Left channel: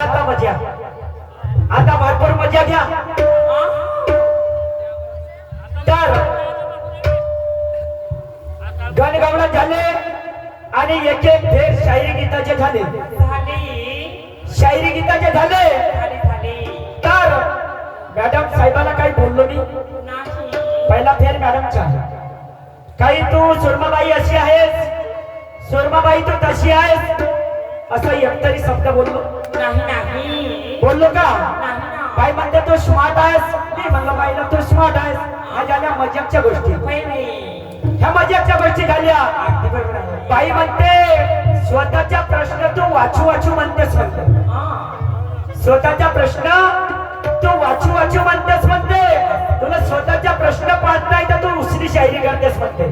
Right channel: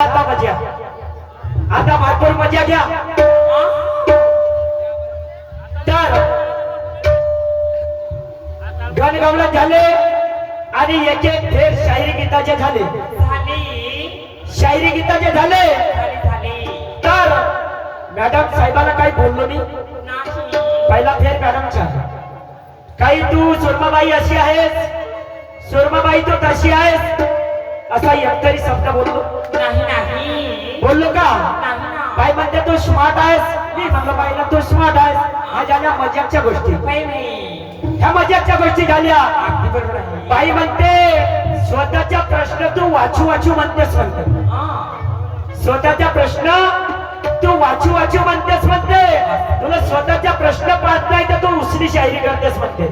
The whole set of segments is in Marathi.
आता मजा, आता भरपूर मजा घ्या. तर गणगवळण झाले आणि एक एक फेर शायरी गीताचे झाले. शायरी गीताचे झाले. तर मॅडम साहेबाला काही बोललो नाही. पहिला फेर मॅडमचा. काही तू सुरमाबाई अशी आहेस, सुरमाबाई तू तशी आहेस असा एकतरी शब्द बोललो नाही. बोललो का? बाई म्हणते तू स्मार्ट आहेस. मी म्हणलो बाईला तू स्मार्ट आहेस. ह्या झाल्या मजाकच्या गोष्टी. ह्या मजाकच्या गोष्टी झाल्या. बाई म्हणते स्वतःचा प्रश्न तू वाचू वाचू म्हणतेस म्हणते. स्वतःचा प्रश्न तू वाचू वाचू म्हणतेस म्हणते. तुला स्वतःचा प्रश्न पाहत नाही तर तू उसरी शायरी करतेस म्हणते.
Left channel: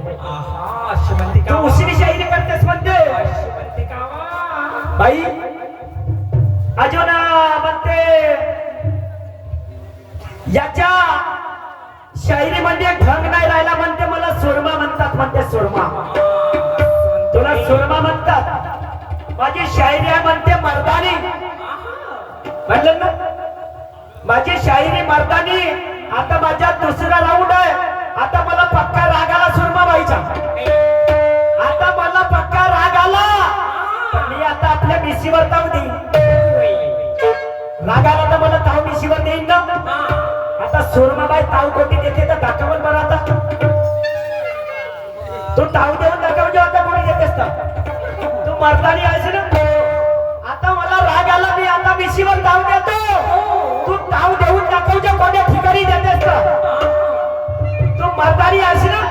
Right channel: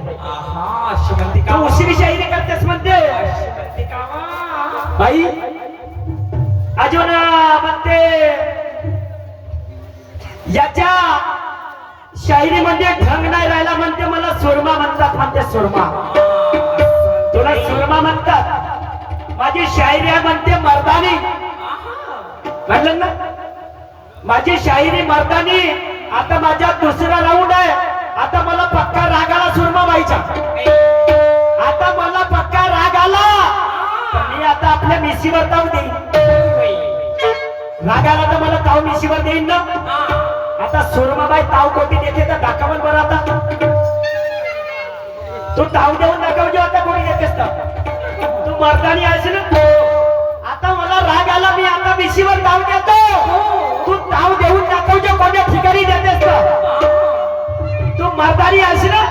तू उसरी शायरी करतेस म्हणते. बाई अजून म्हणते याच्या शायरी म्हणजे ढंग नाही राहिला म्हणते. मला सुरमा म्हणतात म्हणते. सुरमा तुला सुरमा म्हणतात. माझी शायरी आहे म्हणते मर्दानी. म्हणलं ना माझी शायरी मर्दानी. आता माझ्या दुसरा राऊंड आहे. आता मला पक्का राग आला सुरमा बाईचा. आता मला पक्का राग आला. मी आता आपल्या मिशीवर ताव देईन. राग आला तर मला ताव मिशीवर देईन ना. आता सुरमाबाई ताव कोटी देते तर दाखवण बरं. आता तू ताव देऊन दाखव. आता कोणी देतेस तर तू मर्दानी आहेस ना. आता मला राग आला. मी आता मिशीवर ताव देतो. तू ताव देऊन दाखव. कोण्या ठिकाणी देतेस तर तू मर्दानी आहेस ना.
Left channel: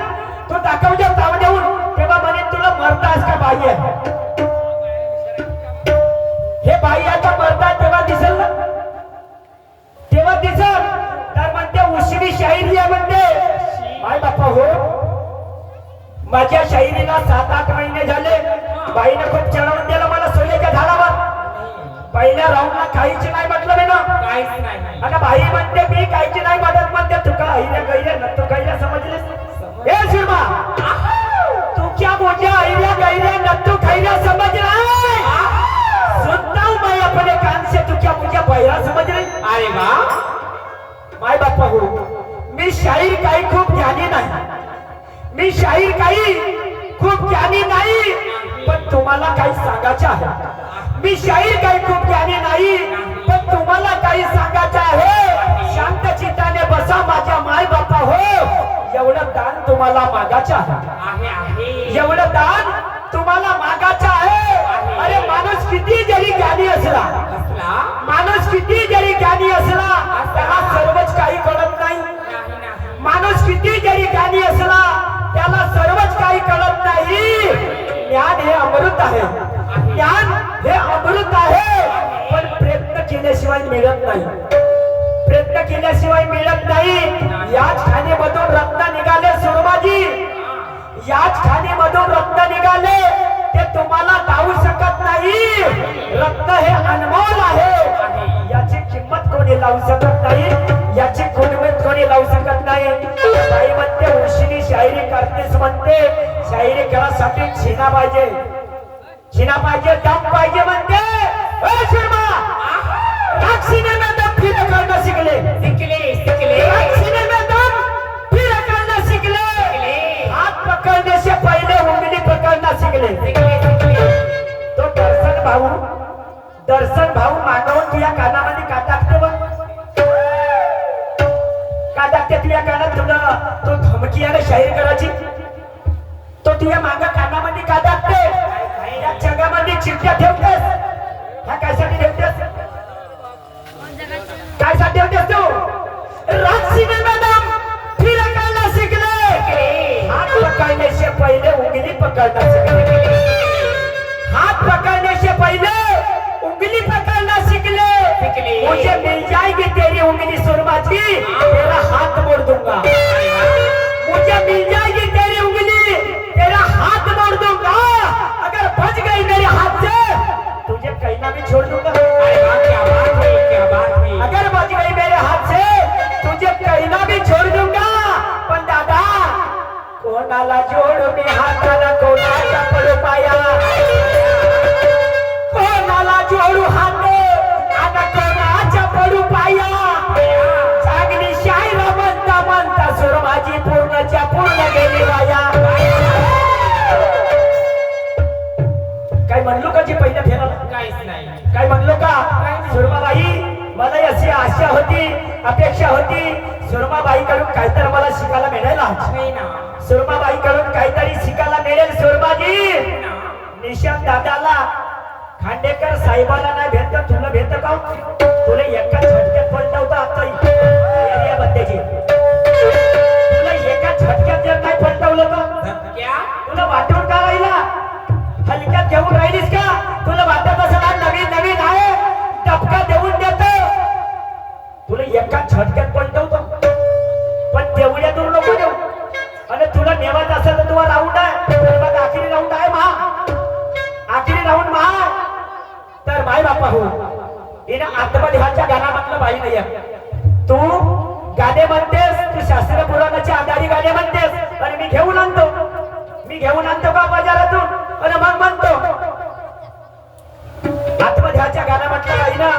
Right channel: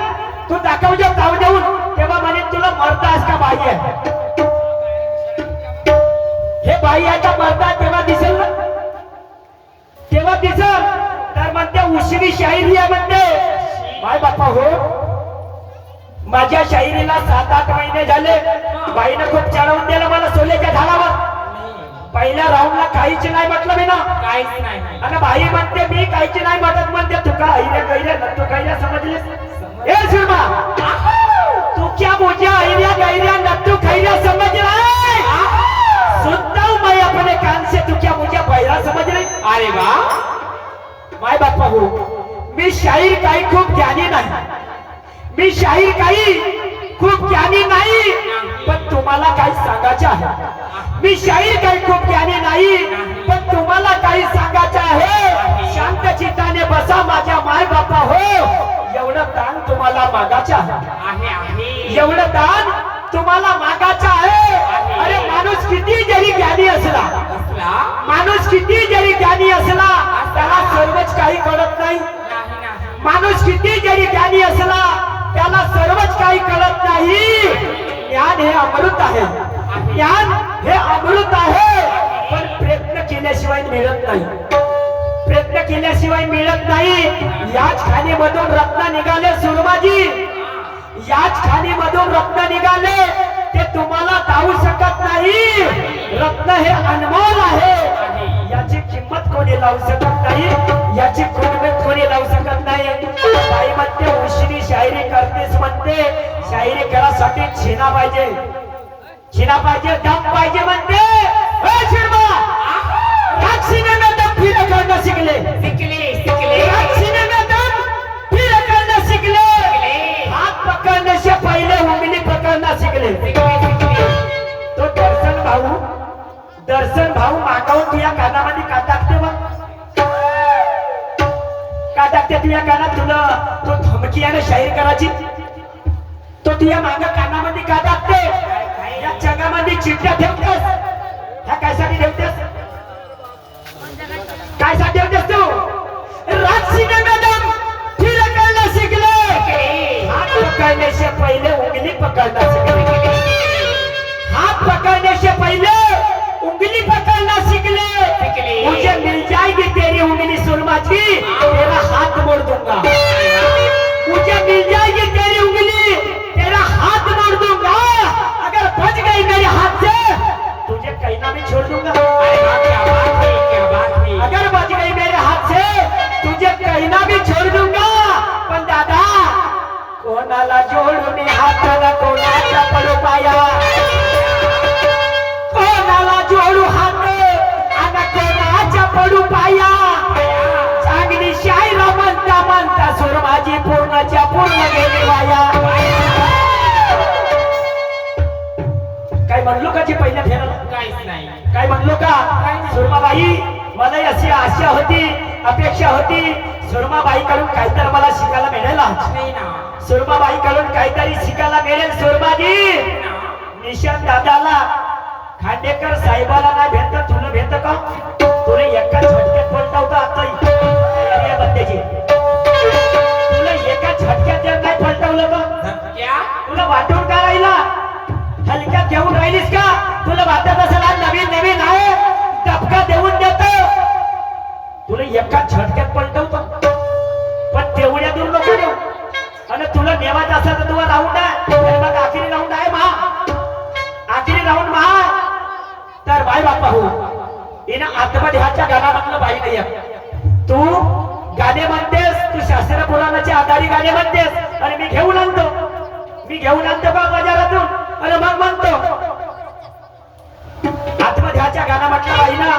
तू दाखव ताव देऊन. तेव्हा म्हणे तुला मर्द आहेस का बाई आहे. हे बाई आता मर्दा तेव्हा दिसल ना. तेव्हा दिसल. तर म्हणते उसरी शायरी आहे म्हणते. बाय बाप्पा हो माझ्या शायरीला 7-8 महिने झाले. बाईनं खूप चढवून दिलं मला सोल्याच्या झाडावर. पहिल्या राऊंडला काहीच नाही म्हटलं मी ना. काहीच नाही. आणि बाई म्हणते मी काहीच नाही म्हणत म्हणते. तू का ऐर्या गैऱ्या तू गैऱ्या समजले. ए सुरमा तू क्या मुझे ऐर्या गैऱ्या नत्तू खैऱ्या समझ रहा है. सुनता हूं मैं अपने कान से. तू क्या मुझे बहरा समझ रही. अरे वाह. माय बाप्पा हो मी शाहीर काही खूप ज्ञानी नाही. मी शाहीर काही खूप ज्ञानी नाही. पण तुम्हाला काही सांगायचं आहे. मी शाहीर काही खूप ज्ञानी नाही. पण तुम्हाला काही सांगायचं आहे. शांत चित्ताने बसा माझ्या माय बाप्पा हो. एवढं दान तुम्हाला मागायचं आहे. एवढं दान तुम्हाला मागायचं आहे. अरे माणूस किती जरी ज्ञानी असला, माणूस किती जरी ज्ञानी असला त्याला सर्वच काही कळत नाही. माणूस किती जरी ज्ञानी असला त्याला सर्वच काही कळत नाही. ज्ञान हे अमृत आहे. ज्ञान हे अमृत आहे. पण प्रयत्न केल्याशिवाय मिळत नाही. प्रयत्न केल्याशिवाय मिळत नाही. याच खाणीमधून रत्न निघाले सुरमाजी. याच खाणीमधून रत्न निघाले. ते तुम्हाला जाऊ शकत नाही. रत्न हे अनमोल आहे. याची किंमत कोणी लावू शकत नाही. याची किंमत कोणी लावू शकत नाही. बाई म्हणते उशिरी शायरी करतेस म्हणते. शायरी करासाठी छिना पाहिजे. छिना पाहिजे. दम पाहिजे म्हणते. सीने में दम फिर करना सीखले. सीने में दम फिर करना सीखले. हाथ पकड़ने से पहले उंगली पकड़ना सीखले. तो दर्शन भाऊ मागवून तुझ्या कानामध्ये का टाकते बघ. का टाकते तुझ्या कानात. तुला तो धमकी आहे ना शाहीर करायची. तो तुझ्या माग कानामध्ये का टाकते. या जगामध्ये चिठ्ठ्या ठेवतेस. ह्या कायसाठी ठेवतेस. काय साठी ठेवतेस तू. सीने में दम फिर करना सीखले. हाथ पकड़ने से पहले उंगली पकड़ना सीखले. हाथ पकड़ने से पहले उंगली पकड़ना सीखले. मुझे मिल जाएगी तेरी उंगली सुरमा जी. तेरा हाथ मोड़ दूंगा. मुझे मिल जाएगी तेरी उंगली. तेरा हाथ मोड़ दूंगा. अगर बच गई मेरे हाथ से तुझे कहीं ना भी छोड़ दूंगा. अगर बच गई मेरे हाथ से तुझे कहीं ना भी छोड़ दूंगा. पण दादा कोणाला जोडू मी हाताला. कोणाचा पडू पाया. कोणाला जोडू हात माझी पहिल्या फेराला काहीच नाही. काय म्हणलो का सुरमाबाई मला अशी आशा होती अपेक्षा होती सुरमाबाई कडून काहीतरी मला शिकायला मिळायला नाही ना. सुरमाबाई कडून काहीतरी शिकायला मिळेल सुरमाजी निशांत दादाला खांडेकर साहेबाला नाही भेटत तुला भेटत का तुला एका झटक्यात पलटवता आता एरियामध्येची तुला एका झटक्यात जर नाही पलटवलं का क्या? तुला वाटून का राहिला हलक्यात घेऊन राहिलीस का तुला वाटत असेल आज नवीन नवीन आहे धपका देऊन देतो तुला एका झटक्यात पलटवतो पण तेवढ्या दूर नको देऊ आणि तुला नेवायचं असेल तर तुला राऊंड आहे तर मग आखरी राऊंड आहे आखरी राऊंड तर बाय बापा हो हिनं आत्मदेहाच्या गाण्यामधलं बाई नाही आहे तू गाणे म्हणतेस तू शास्त्र पुराणाचे आधारी गाणे म्हणतेस आणि मी घेऊन आणतो का बाजारातून आणि मग म्हणतो आत्मदेहाच्या गाण्यामधलं बाई ना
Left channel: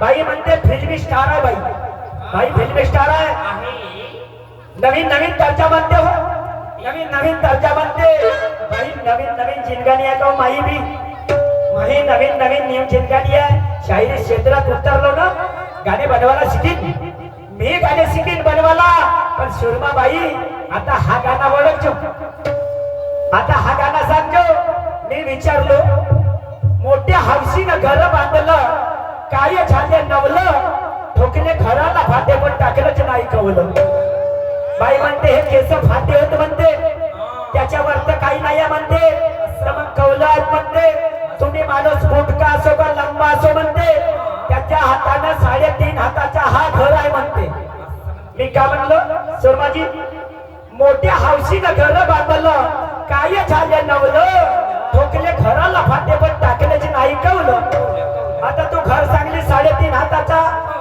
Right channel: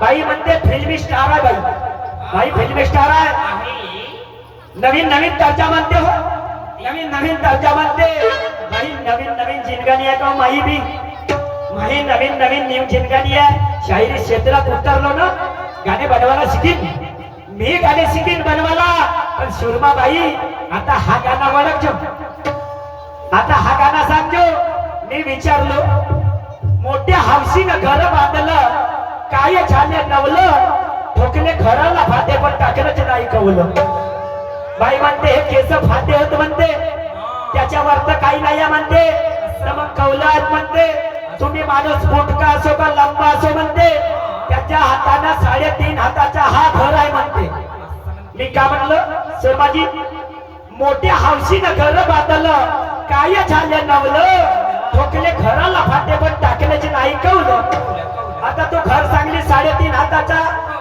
बाई म्हणते फिल्मी स्टार आहे बाई फिल्मी स्टार आहे नवीन नवीन दर्जा म्हणते हो नवीन दर्जा म्हणते बाई नवीन जिनगाणी आहे का माही बी माही नवीन न्यू जिनगाणी आहे शाहिरी क्षेत्रात उतरलो ना गाणे बनवायला शिकीन मी गाणे शिकीन बनवायला पण सुरमाबाई आता हा गाणं ओळखजो आता हा गाणं समजो मी विचारलो मोठ्या हौशीनं घर बांधलं काय झाले नवलं ठोकले घराला फाटे पण टाकलंच नाही कवलं बाई म्हणते हे केस फाटे होत म्हणते त्याच्यावर तर काही नाही म्हणते तर मग कवलं आहेत म्हणते तुम्ही माणूस मोठका असो का लंबा असो म्हणते त्याच्या हाताना 3.5 हाताचा हा घर आहे म्हणते मी का म्हणलं शर्माजी मोठ्या हौशीनं घर बांधलं काय झाले नवलं ठोकले घराला फाटे पण टाकल्याचे नाही कवलं आता तो घर सांगली 3.5 हाताचा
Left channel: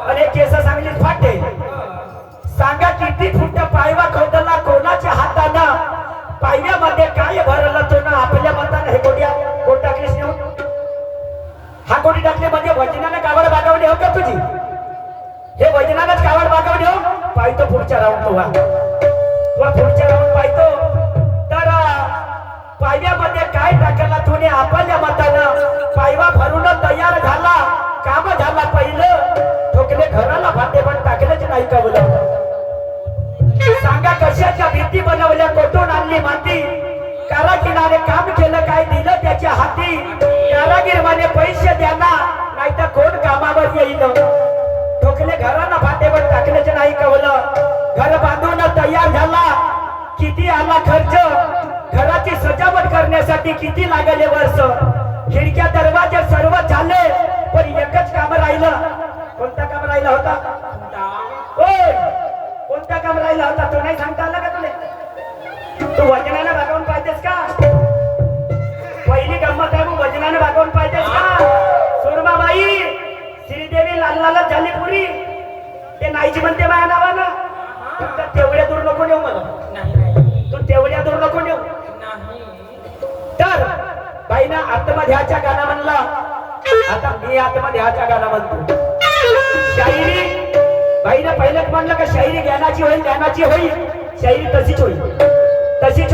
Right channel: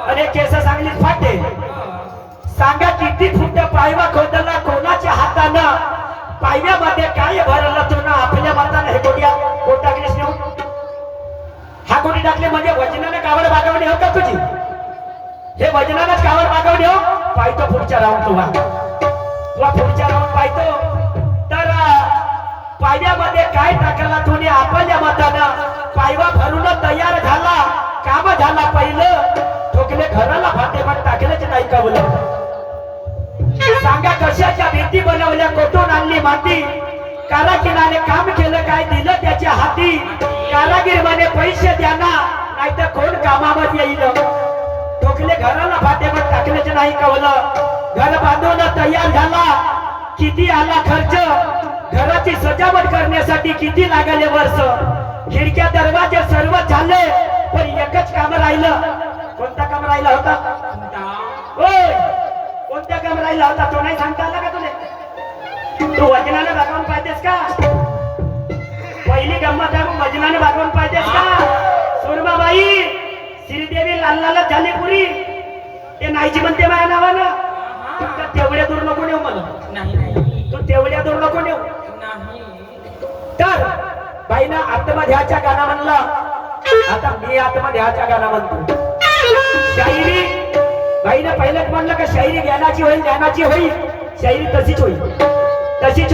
आणि केस सांगली फाटे सांगा किती फुट पायवा खोदला कोणाच्या हातानं पायव्यामध्ये काय भरलं तो ना आपल्या मतानं हे कोट टाकलीस नेऊन हा कोणी टाकले म्हणजे वजनानं कावड बागावणी हो का तुझी हे वजनानंच कावड बागावणी हो पाहतो पुढच्या राऊंड तुला पुढच्या राऊंड पाहतो तर पायव्यामध्ये काय टाकला तुने आपल्या मतानं पायवा भरून तयार झाला काम झाला पहिलं ठोकले घराला फाटे पण टाकलेच नाही का बोल सांगा कशाच्या भीती बनवल्या कोठून आणली माती कारागिराने काम केलं काय दिलं त्याच्या हाती कारागीर म्हणे पैसे द्या ना नाही तर कोण कामावर येईल ठोकले घराला फाटे पण टाकलेच नाही कवलं घर बांधून तयार झाला किती आला खर्च घराची सजावट करण्यासाठी किती लागले वर्ष खिडक्या दरवाजे सर्व झाले पण एकच काम राहिलं कोणतं काम राहिलं होता कोणत्या काम राहिला होता तो नाही सांगता आला का तुला तू वजनाने भागवून पाहिजेस का पहिली गंमत आहे मग वजनाने भागवून पाहिजेस का सुरमाबाई श्रीदेवी लाल झाली पुरी ते नाहीची म्हणते माझ्या नावानं फक्त तेवढ्या दूर नको नेऊ मला तू तेवढ्या दूर नको नेऊ तर बाईनं आत्मध्याच्या गाणं म्हणला आता मी आत्मध्याच्या गाणं म्हणतो शाहिरी बाईनं पहिलेच म्हणलं का शाहिरी ज्ञानाची होईल शाहिरी तशीच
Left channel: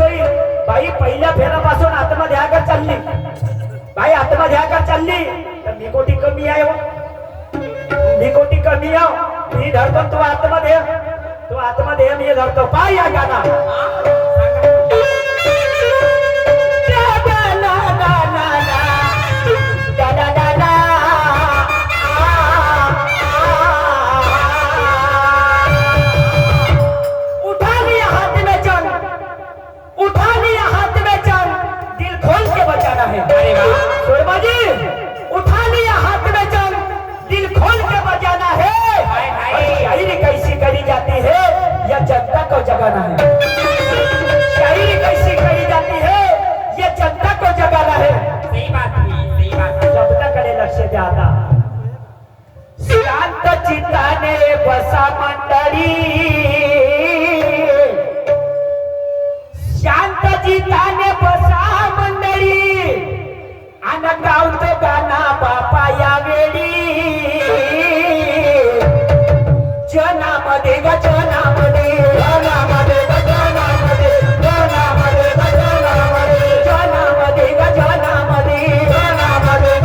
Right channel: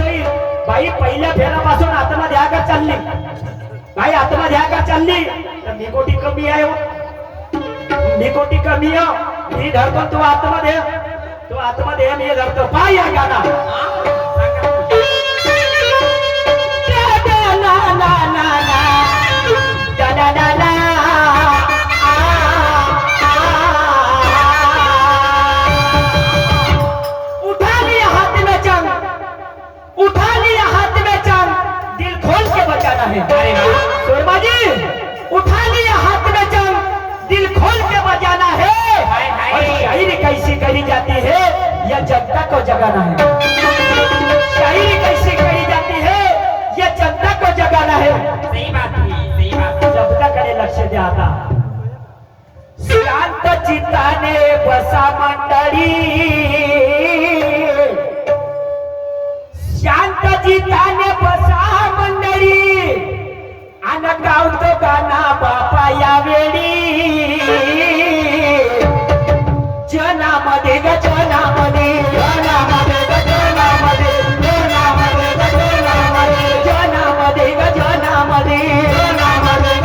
होईल बाई पहिल्या फेरापासून आत्मध्याकर चालली बाई आत्मध्याकर चालली तर मी कोटी कमी आहे मी कमी आहे मी धरतो तू आत्मदेह मी धरतो पाय या गाणं उठा लिया हाथ में जंग दिल खोल के बजाना है शायरी कैसी करी जाती है यह जनता को जगाना है शायरी कैसी करी जाती है यह जनता को जगाना है सही बात शब्दाकडे लक्ष द्या आता शांत चित्ताने बसा मंडळी शांत चित्ताने बसा मंडळी आणि गावतो गाणा बापा यावेळी जनामध्ये ग जनामध्ये जनामध्ये ग जनामध्ये जनामध्ये ग जनामध्ये जनामध्ये ग जनामध्ये जनामध्ये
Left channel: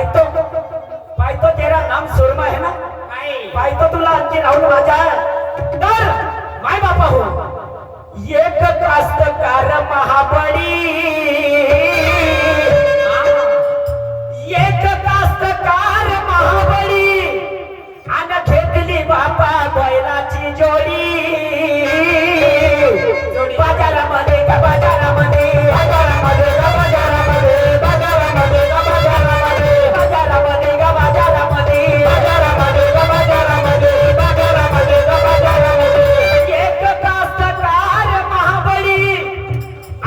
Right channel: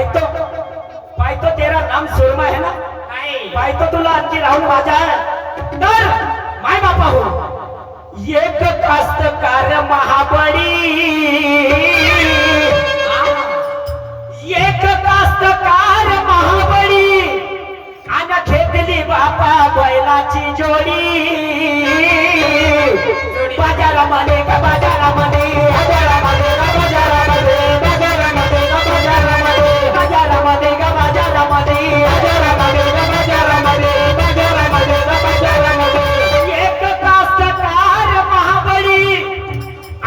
पाहतो तेरा नाम सुरमा है ना, काय पाहतो तुला आणखी राहुल माझा तर माय बापा हो एक कास्तकार महाबळी, एक कास्तकार महाबळी आणि घेतली बापा बैलाची जोडी बाजारामध्ये का बाजारामध्ये बाजारामध्ये का बाजारामध्ये बाजारामध्ये का बाजारामध्ये बाजारामध्ये का बाजारामध्ये बाजारामध्ये का बाजारामध्ये बाजारामध्ये का बाजारामध्ये एक कास्तकार महाबळी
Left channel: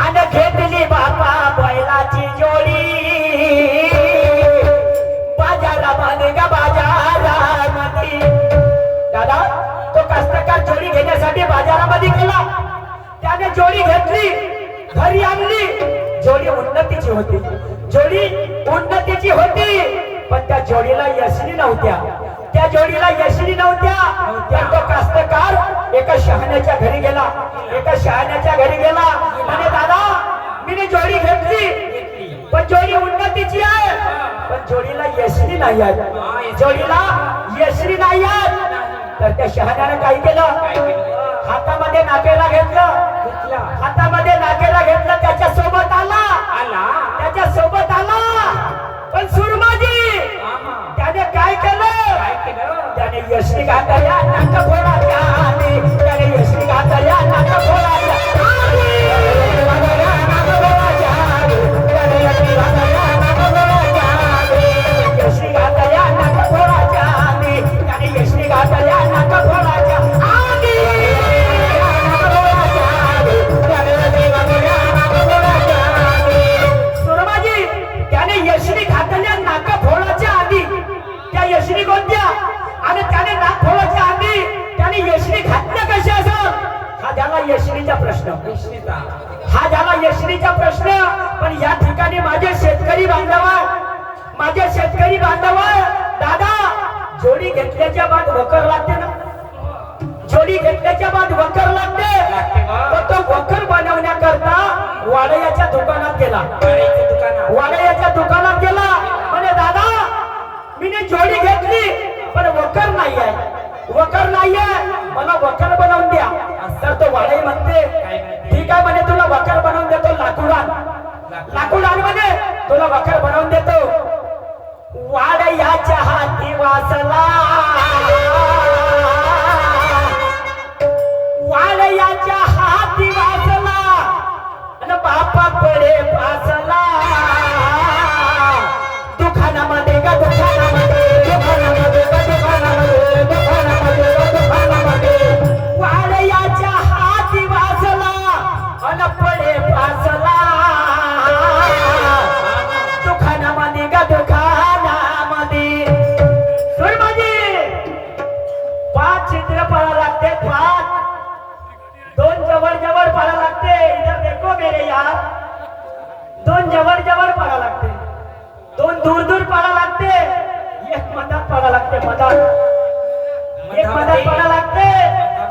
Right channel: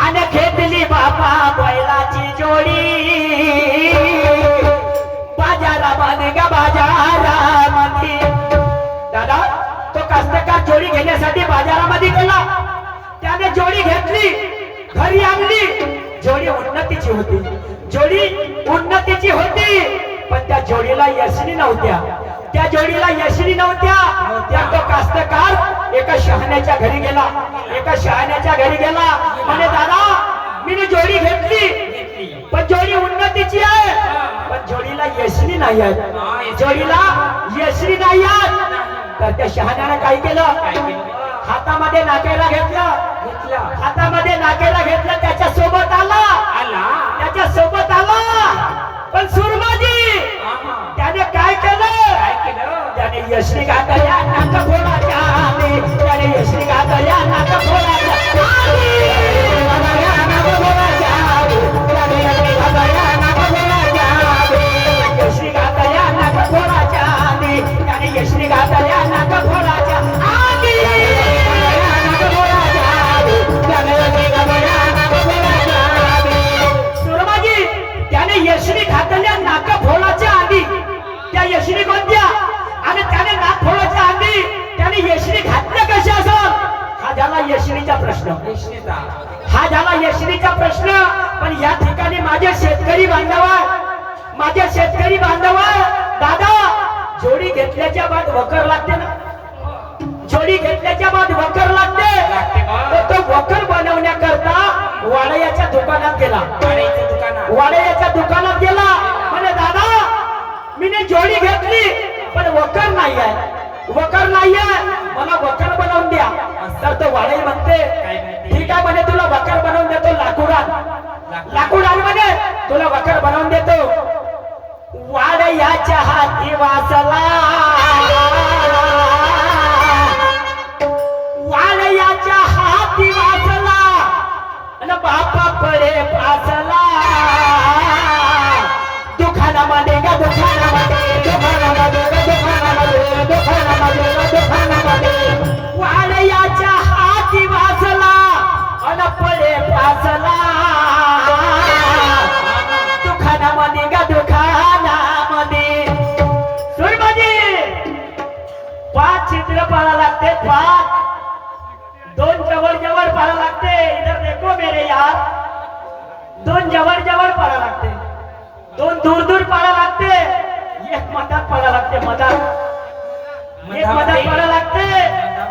आणि घेतली बापा बैलाची जोडी बाजारामध्ये का बाजारामध्ये. दादा तो कास्तकार जोडी घेण्यासाठी बाजारामध्ये गेला, त्याने जोडी घेतली, घरी आणली, जोडी उन्नतीची होती, जोडी उन्नतीची होती, पण त्या जोडीला यशनी नव्हत्या, त्या जोडीला यशनी नव्हत्या. तो कास्तकार एका शहाण्याच्या घरी गेला, एका शहाण्याच्या घरी गेला म्हणे दादा मी जोडी घेतली पण जोडी उन्नतीची आहे पण जोडीला यशनी नाही आहे, जोडीला यशनी नाही आहे. तर त्या शहाण्याने काय केलं, हातामध्ये नाकेला घेतलं, हातामध्ये नाकेला घेतलं, त्याच्या सोबत आला, त्याच्या सोबत आला. पण सुरमाजी त्याने काय केलं, त्याने यशनी घातल्या नाका फोडाच्या आधी, त्याने यशनी घातल्या नाका फोडाच्या आधी, यशनी घातल्या नाका फोडाच्या आधी, त्याने यशनी घातल्या नाका फोडाच्या आधी. सुरमाजी त्याने यशनी घातल्या नाका फोडाच्या आधी, त्या यशनी कोणत्या आणि त्याने नाक फोडाच्या आधी त्याने यशनी घातल्या कशा असं, हा झाला यशनीचा प्रश्न, हा झाला यशनीचा प्रश्न. पण या ठिकाणी माझे शेतकरी बांधव, माझे शेतकरी बांधव, दादा जोडी घेतल्याच्या बाद वकर लागते ना, जोडी घेतल्याच्या बाद वकर लागते. तो वकर बनवण्याकरता वाडयाच्या दुकानात गेला, वाडयाच्या दुकानात गेला म्हणे दादा मीने जोडी घेतली पण वकर नाही आहे, वकर नाही आहे, मला वकर बनवून द्या. तर तो वाडई म्हणते ठीक आहे म्हणे तुला वकर बनवून देतो, लाकूड आण, लाकूड आण म्हणे तुला वकर बनवून देतो. वाडयाच्या हाती वाचला, वाडयाच्या हाती वाचला आणि बापा पळे पाचला. दुकानामध्ये गा दुकानामध्ये, दुकानामध्ये गा दुकानामध्ये, दुकानामध्ये दुकानामध्ये वाडयाच्या हाती वाचला आणि पळे पाचला. दुकानामध्ये गा दुकानामध्ये. सुरमाजी 5 चित्र पडा लागते, 5 2 जवळ जवळ पडा लागते, इधर देखो मेरे यार, 2 जवळ जवळ पडा लागते, 2 दूर दूर पडा लागते, एक मधात पडा लागते, मधात एक मधात पडा लागते.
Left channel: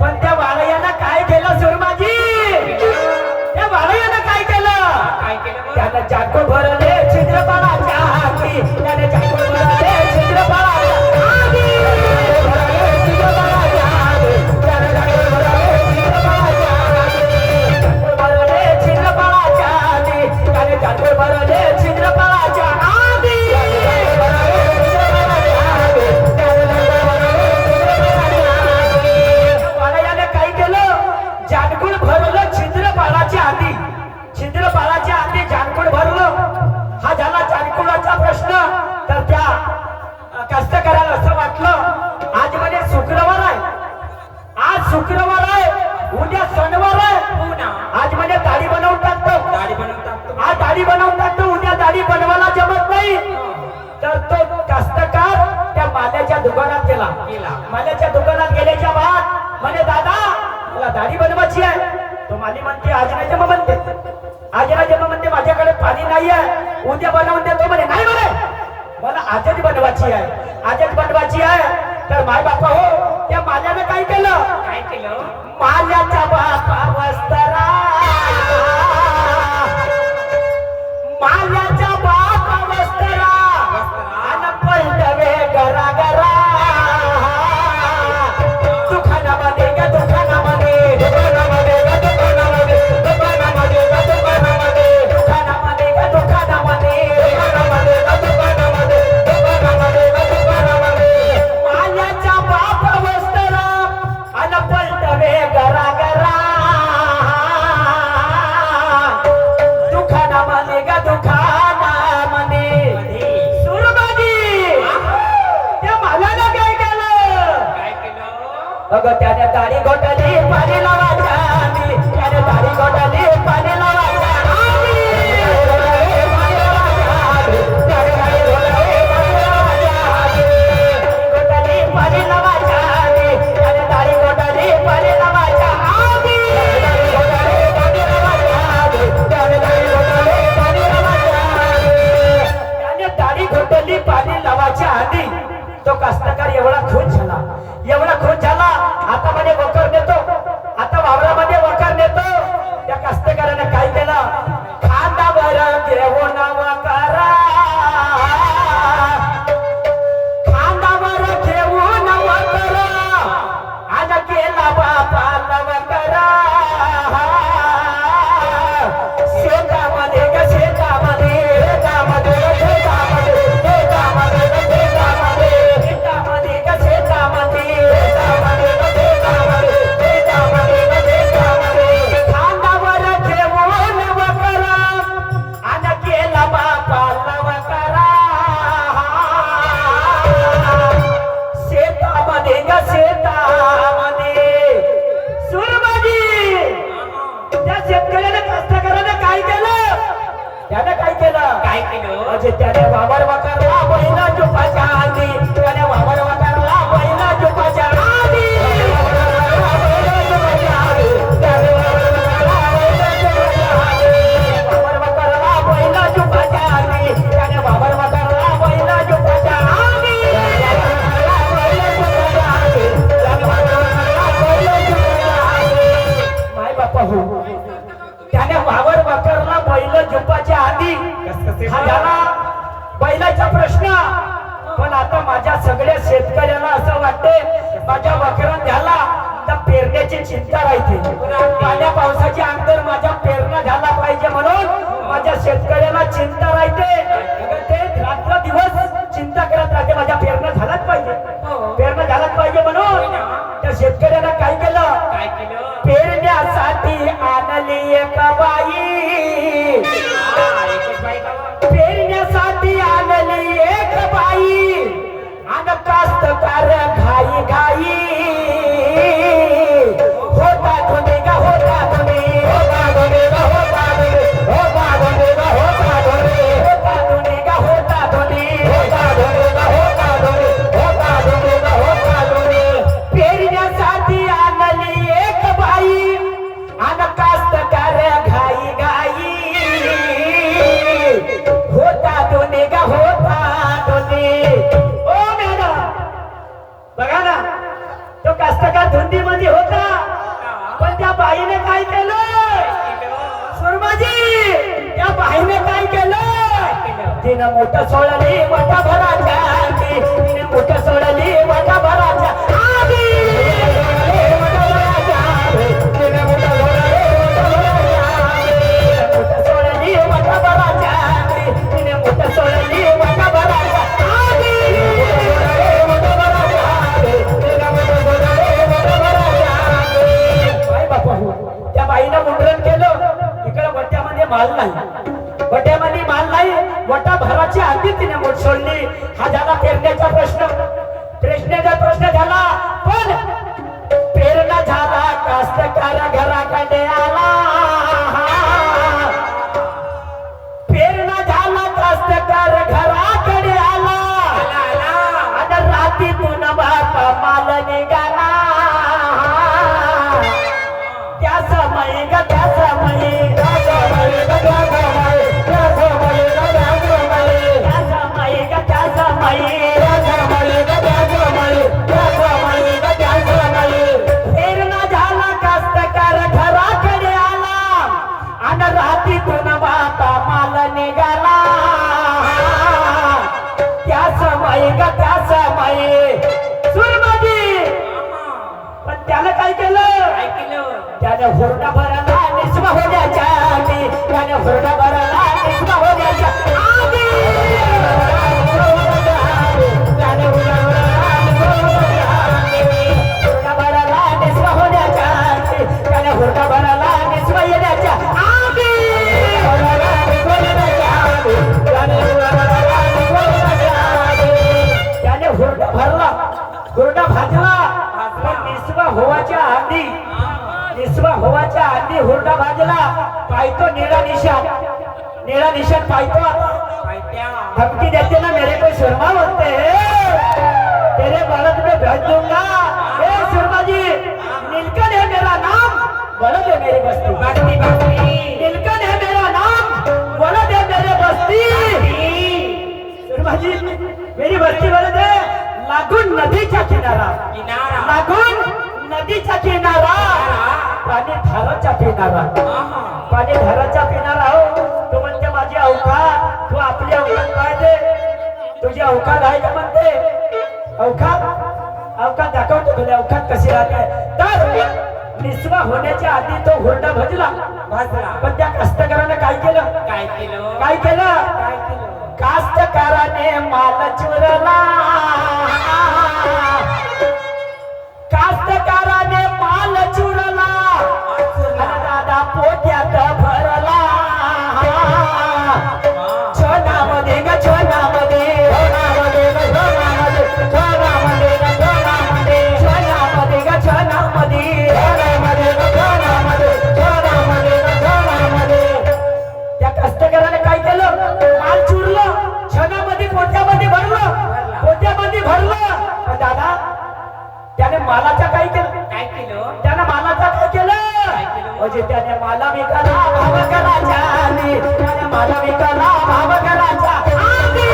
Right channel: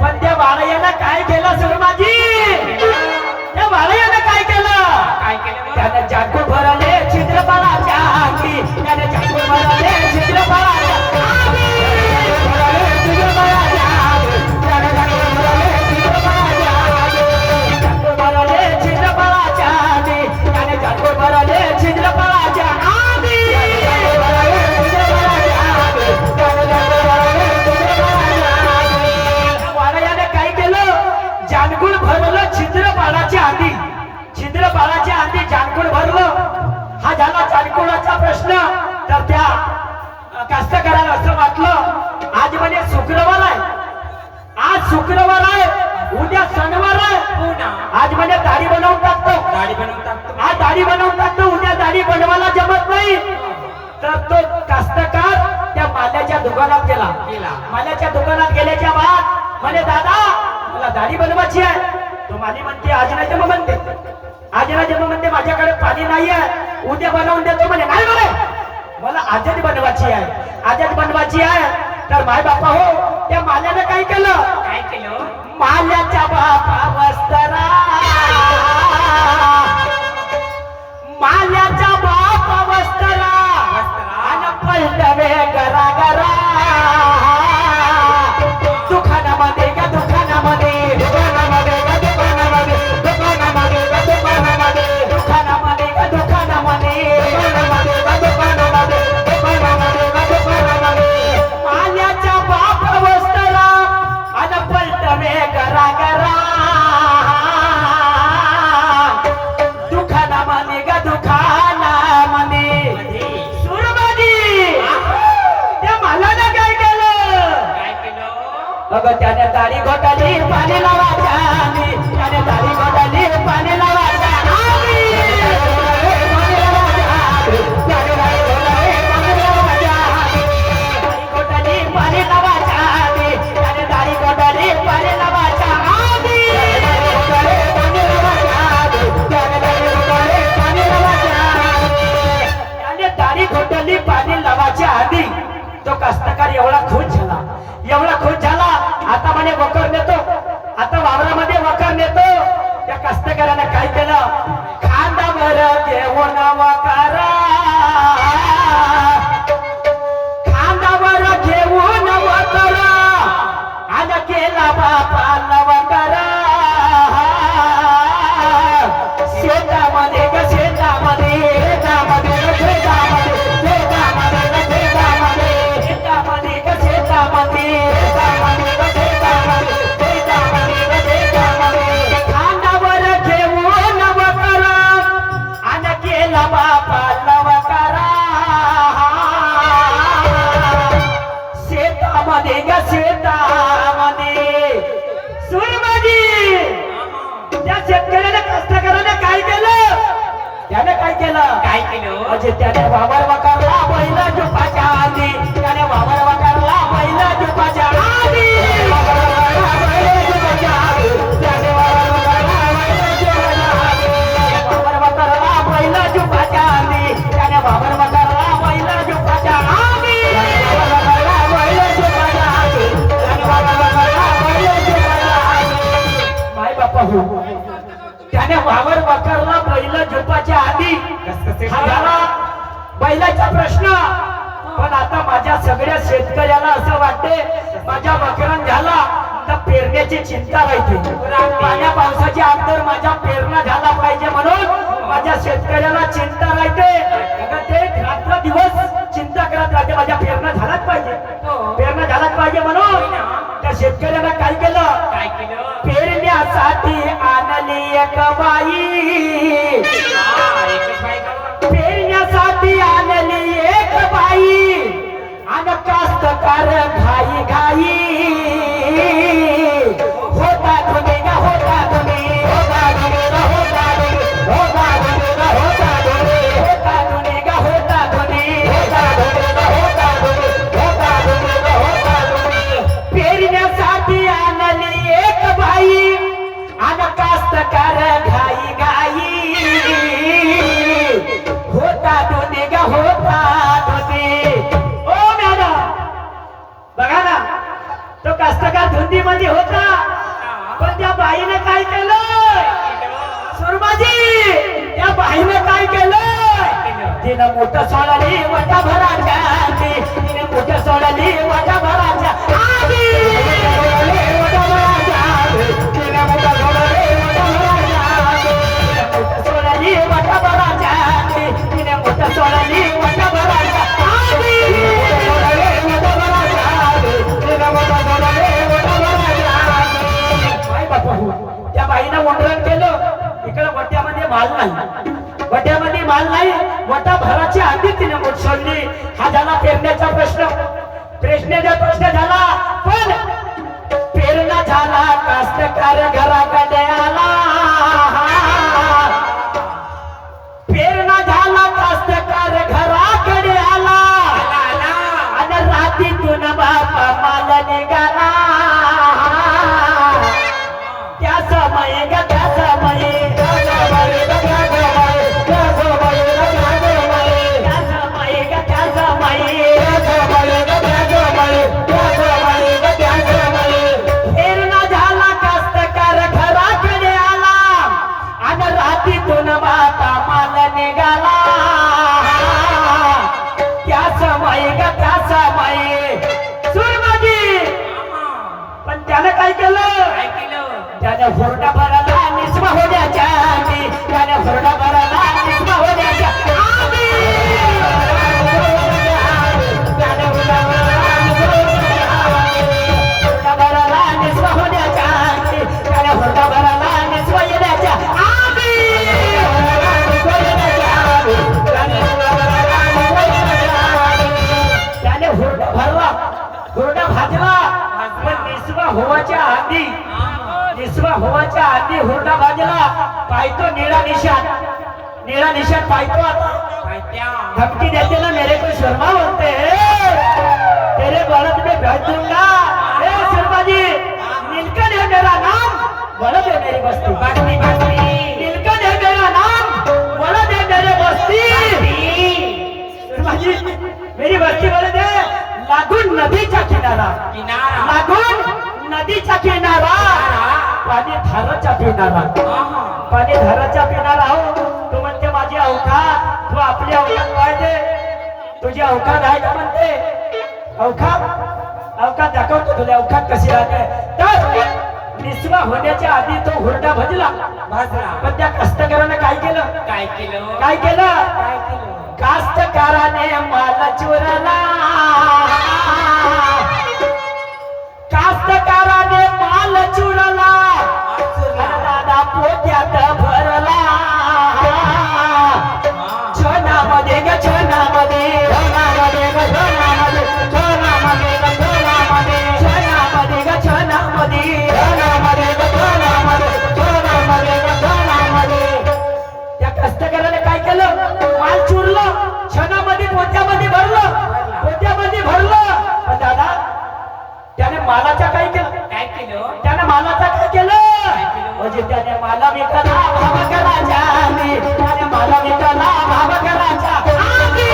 पण त्या वाडयाला काय केलं सुरमाजी, त्या वाडयाला काय केलं, त्यानं जागो भरले छिद्रपणाच्या आगी, त्याने जागो भरले छिद्रपणाच्या आगी, प्रश्न. तर त्या कास्तकाराला असं वाटलं आज म्हणजे शुक्रवार आहे, आज शुक्रवार आहे, उद्या शनिवार आहे, आज म्हणजे दाढी बनवून टाकतो, आज दाढी बनवून टाकतो, उद्या दाढी बनवायला जमत नाही. तर तो कास्तकार त्या माल्याच्या दुकानात गेला, माल्याच्या दुकानात गेल्याच्या बाद म्हणे दादा मला दाढी बनवायची आहे. तो माली म्हणते आज नाही जमा म्हणते, आज नाही जमा म्हणते, माझ्याकडे पाणी नाही आहे, उद्या बनवून देतो म्हणे. नाही म्हणे मला आजच बनवायची आहे, आजच बनवायची आहे. तर माय बापा हो त्या माल्याने काय केलं, माल्याच्या बापा वस्त्रा, माल्याच्या बापा वस्त्रा गरा गरा दुखाना मने ग दुखाना मने सुरबाजी त्या मालाने काय केलं काय केलं अगं त्याने दाढी घोटाली पाणी लावायच्या आधी त्याने दाढी घोटाली पाणी लावायच्या आधी पाणी लावायच्या आधी त्याने दाढी घोटाली पाणी लावायच्या आधी त्याने दाढी घोटाली पाणी लावायच्या आधी तो कास्तकार एवढा खुश झाला आता म्हणे वकर नेतो आता वावरामध्ये वकर नेतो त्या कास्तकारानं काय केलं खांदावर घेऊन वकारा खांदावर घेऊन वकारा आणि केला बापाला वकारा शेतामध्ये ग शेतामध्ये शेतामध्ये शेतामध्ये शेतामध्ये शेतामध्ये शेतामध्ये ग शेतामध्ये खांदावर घेऊन वकरा आणि केला बापाला वकरा शेतामध्ये ग शेतामध्ये सुरमधी त्या शेतकऱ्याने कास्तकाराने काय केलं त्याने काय केलं काय केलं म्हणजे त्याने वावर वकारला पहिला जुपाच्या आधी त्याने वावर वकारला पहिला जुपाच्या आधी वावर वकारला पहिला जुपाच्या आधी त्याने वावर वकारला पहिला जुपाच्या आधी माय बापा हो त्याने वावर वकारला बैल झोपाच्या आधी हा झाला बैलाचा प्रश्न पण आता माझ्या सगळ्या शेतकऱ्यांना असं वाटते माझ्या वकरण झाला तर पेरण्याची चिंता राहते पाण्या पावसाची अंतर माझ्या पेरणं झाला पाहिजे म्हणून माझ्या शेतकऱ्याला चिंता राहते ते रात्र दिवस चिंता करत राहते माझ्या पेरणं झालाच पाहिजे पेरणं झालाच पाहिजे म्हणून त्या शेतकऱ्याला काय केलं काय केलं पेरण्यासाठी आणली एक बाई एकच बाई का पेरण्यासाठी आणली एक बाई आणि कास्तकार घाई घाई होता धुणे गा होता धुणे होता धुणे गा होता धुणे होता धुणे गा होता धुणे होता धुणे गा होता धुणे होता धुणे गा होता धुणे होता धुणे गा होता धुणे पेरण्यासाठी आणली एक बाई आणि कास्तकार घाई घाई होता धुणे गा होता धुणे ओ मॅडम बघा ना तो कास्तकार धुंदीमध्ये होता पण त्या बाईने काय केलं सुरमाजी त्या बाईने काय केलं तिनं मोठं सोडली वटा भराच्या आधी तिने मोठं सोडली वटा भराच्या आधी वटा भराच्या आधी तिने मोठं सोडली वटा भराच्या आधी मोठं सोडली वटा भराच्या आधी तिने मोठं सोडली वटा भराच्या आधी वटा भराच्या आधी तिने मोठं सोडली वटा भराच्या आधी बाई बापा त्या बाईनं मुंडरण केलं इकडे वट्यामध्ये माल नाही वट्यामध्ये माल नाही वटा भराच्या आधी तिने मोठ सोडली हा झाला पेरण्याचा प्रश्न झाला पण पेरला झाला कास्तकार घराकडे आला पेरणा झाला कास्तकार घराकडे आला आणि रात्रीतून बापा माल निघाला त्या समय ग त्या समय पेरणा झाला कास्तकार घराकडे आला आणि रात्रीतून बापा माल निघाला त्या समय ग त्या समय सुरमधी पण त्यानं काय केलं काय केलं त्याने हुरडा भरला निस्मा होण्याच्या आधी त्याने हुरडा भरला निस्मा होण्याच्या आधी त्याने हुरडा भरला निस्मा होण्याच्या आधी हुरडा भराला निसवा येण्याच्या आधी त्याने हुरडा भरला हुरडा भाजला पण निसवा होवाच्या आधी हुरडा भाजला पाहतो निळा निशान पाहतो धमकी देते ना मेरे को शर्मा बोलते तेरे बलद में भेज दूंगा ए शर्मा जी नीलकंठ है मेरा नाम बलद है मेरी बस्ती नीलकंठ है मेरा नाम बलद है मेरे बस्ती शर्मा जी मेरी बस्ती बलद है लागून नदीचा किनारा पाणी धाराचा पिणारा हो तू म्हणते माझी अवकात तू आपली अवकात पाहिजे तुझी अवकात आहे का म्हणते अवकात दाखवतो तुला अवकात कशी राहते तर निस्वा होण्याच्या आधी तो हुरडा भाजला पण त्या कष्टकऱ्याने काय केलं कास्तकाराने माल चोरला कास्तकाराने माल चुरला दादा पोत्यात भरला छनामध्ये ग छनामध्ये त्या कष्टकऱ्याने काय केलं माल चुरलं छनामध्ये पोत्यामध्ये भरलं पण दादा त्याने मालाचा काय केलं त्याने मालाचा काय केलं म्हणजे त्याने माला विकला भावकराच्या आधी त्याने माला विकला भावकराच्या आधी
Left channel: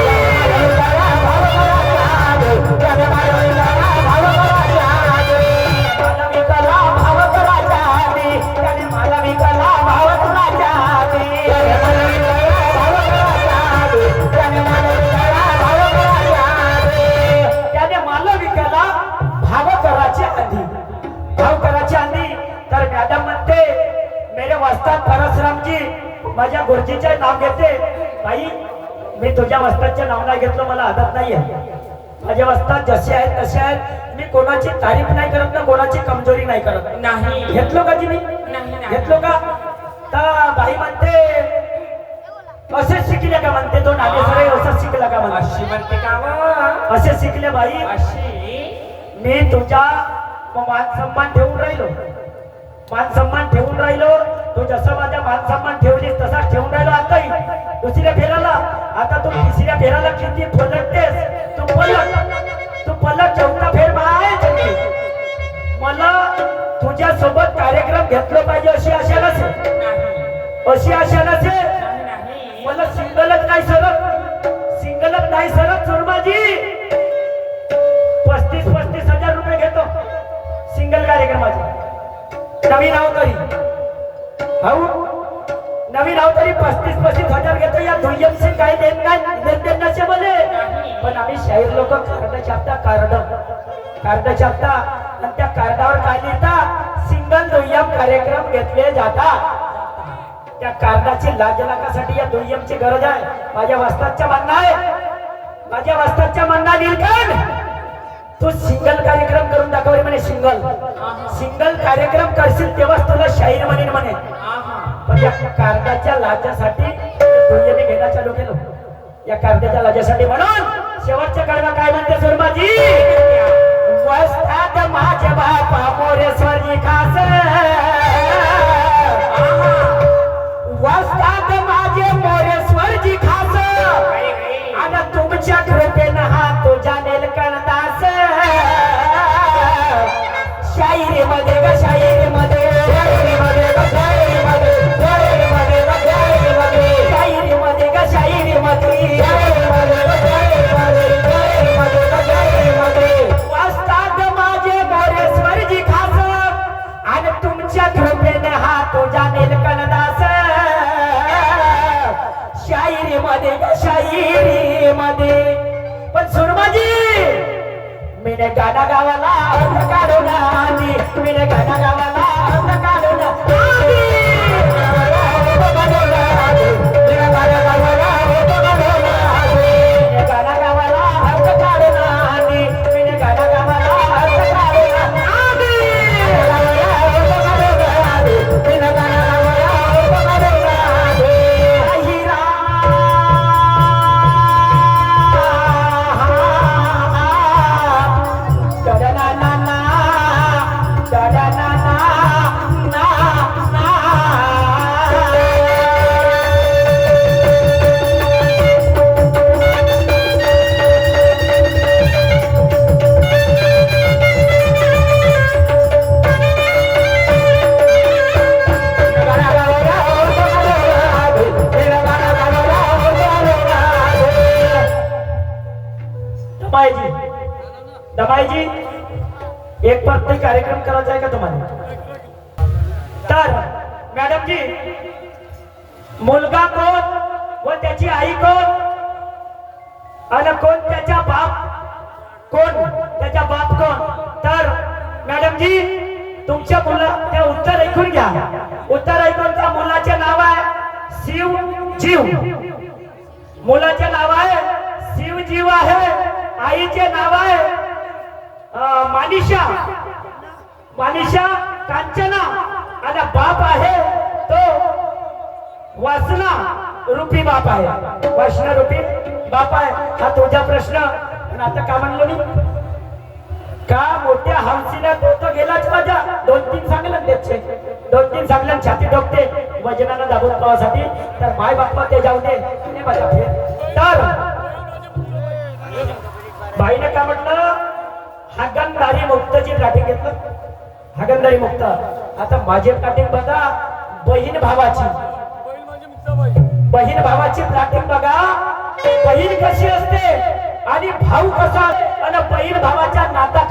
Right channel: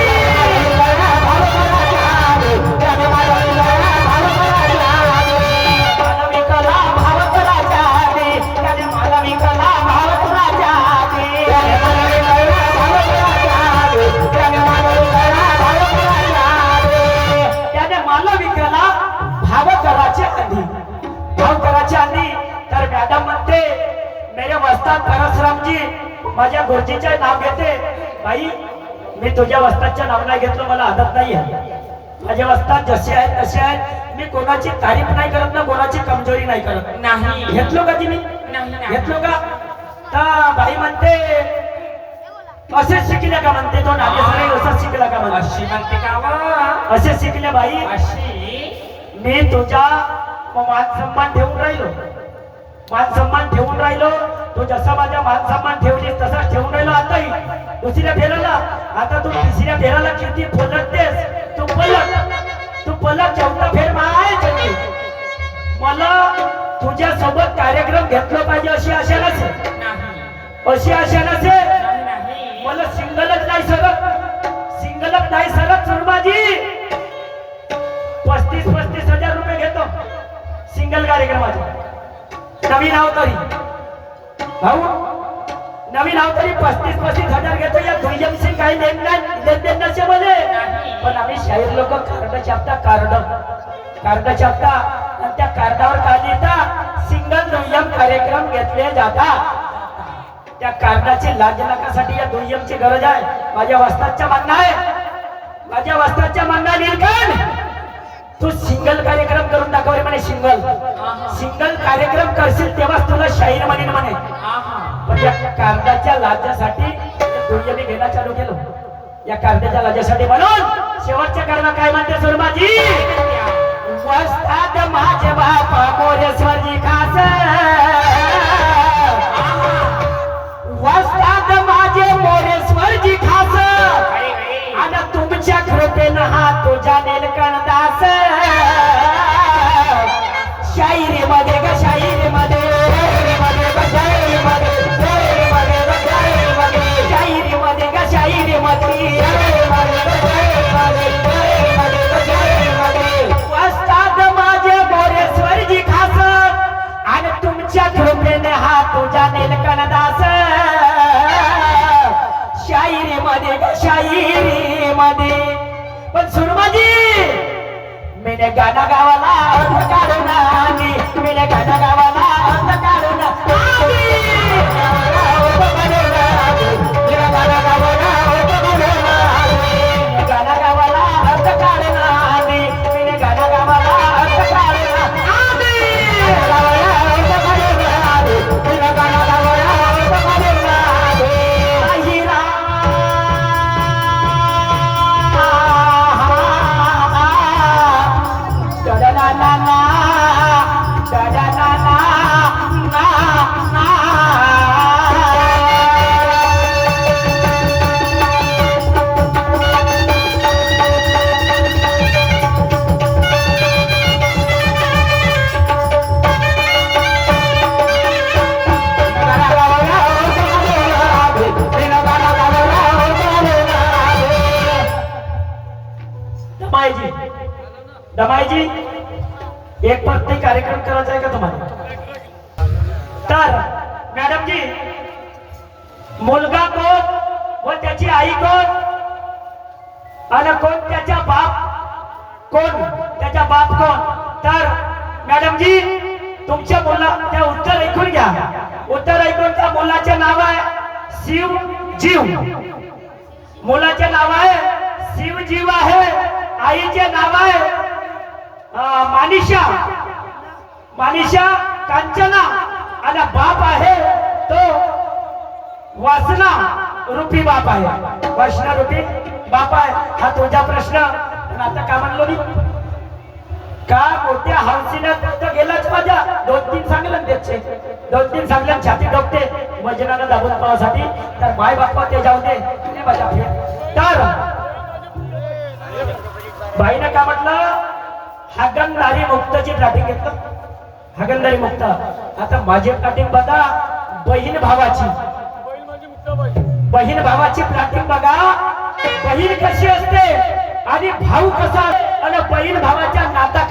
त्याने माला विकला भावकराच्या आधी त्याने माला विकला भावकराच्या आधी त्याने माला विकला भाव करायच्या आधी तर मॅडम म्हणते मेरे वस्ताद परशुरामजी माझ्या गुरुजीचे नाव घेते बाई मी तुझ्या वस्तादचे नाव नाही घेतलं मला आदत नाही माझे वस्ताद जसे आहेत तसे आहेत मी कोणाची तारीफ नाही करत ना कोणाची कमजोरी नाही करत नाही घेतलो का मी घेतलो का तर बाई म्हणते असेच शिकले का म्हणते तो नागेश्वर असंच शिकला का म्हणते असे शिकले बाई मी तुझा मान सन्मान ठेवून राहिलो तू जसा माझा मान सन्मान ठेवली तसाच ठेवून राहिलो आताही दुसऱ्या फेराला आता तू तिसऱ्या फेराला किती पलटतेस तू पलट चौथा फेर माय मला तुझ्या सोबत कार्यक्रम घेतला पाहिजे अशी आशा नसेल मला सिंगलच नाही सरत सुरमाजी 35,000 रुपये घेतो सिंगल कार्यक्रमाचे नवीन अवतरी 35,000 घेतो या दुय्यमशी काही देत नसे बोले पण आम्ही शाहीर लोक कार्ड छापता आणि त्या कार्डावर काय लिहिता सिंगल दुय्यम कार्यक्रम घेतले जातात त्या कार्डाची लाज लाखासाठी या दुय्यमची गरज आहे माझ्या वस्तादच्या म्हणणं नीलकंठ तू सिंगल कार्यक्रम करून दाखव रे म्हणे सिंगल कार्यक्रम करशील तेव्हाच तुला शाहीर म्हणेन म्हणे पण या कार्डाच्या लाजासाठी दुय्यमी घेणं चालू केलं या कार्डाच्या लाजासाठी म्हणून शेवटच्या कडवा काय म्हणते सुरमाजी वस्ताद माझे बापा मोरेश्वरजी खास वस्ताद माझे मोरेश्वरजी खास आणि तुमच्या कृपेनं हा तुझ्या नीलकंठास शायरी मध्ये वस्ताद माझे मोरेश्वरजी खास आणि तुमच्या कृपेने हा तुझ्या नीलकंठास शायरी मध्ये पण सुरमाजी मेरे गाना गावाला अर्थ काढून आली मेरे गाना गावाला अर्थ काढून आली गाना गावाला अर्थ काढून आली मेरे गाना गावाला अर्थ काढून आली तर मॅडमजी मुलगा कोण व त्याची आई कोण आणि कोण त्याचा बाप कोण त्याचा बाप कोण तर मॅडमजी तुमच्या मुला त्या उत्तर ऐकून घ्या उत्तर ऐकून त्या मुलाचे नाव आहे शिव जीव मुलाचे नाव आहे शिव जीव आहे आईचे नाव आहे मानिशा मानिशा कांचना आणि बाप आहे तो वासना रूपी बाप आहे वासना रूपी बाप आहे हा तुझा प्रश्न पण आता का म्हणलो मी का मोठ्या हौसीनं तो गेलाच माझ्या 2-3 सांगलं त्याचे 2-3 सांगलं छाती डोकते वजनानं दाबून पावासाठी तर माय बाप्पा ते जाऊ दे तुम्ही माझ्या फेर तर बाईनं का म्हटलं हागणदारी मुक्तची प्लॅटिंग घेतलं हागणदारी मुक्त आता माझी प्लॅटिंग बघा बहीण भावाची प्लॅटिंग बघा बहीण कशी असते आणि भाऊ कसा आणि बहीण भावाच्या नाता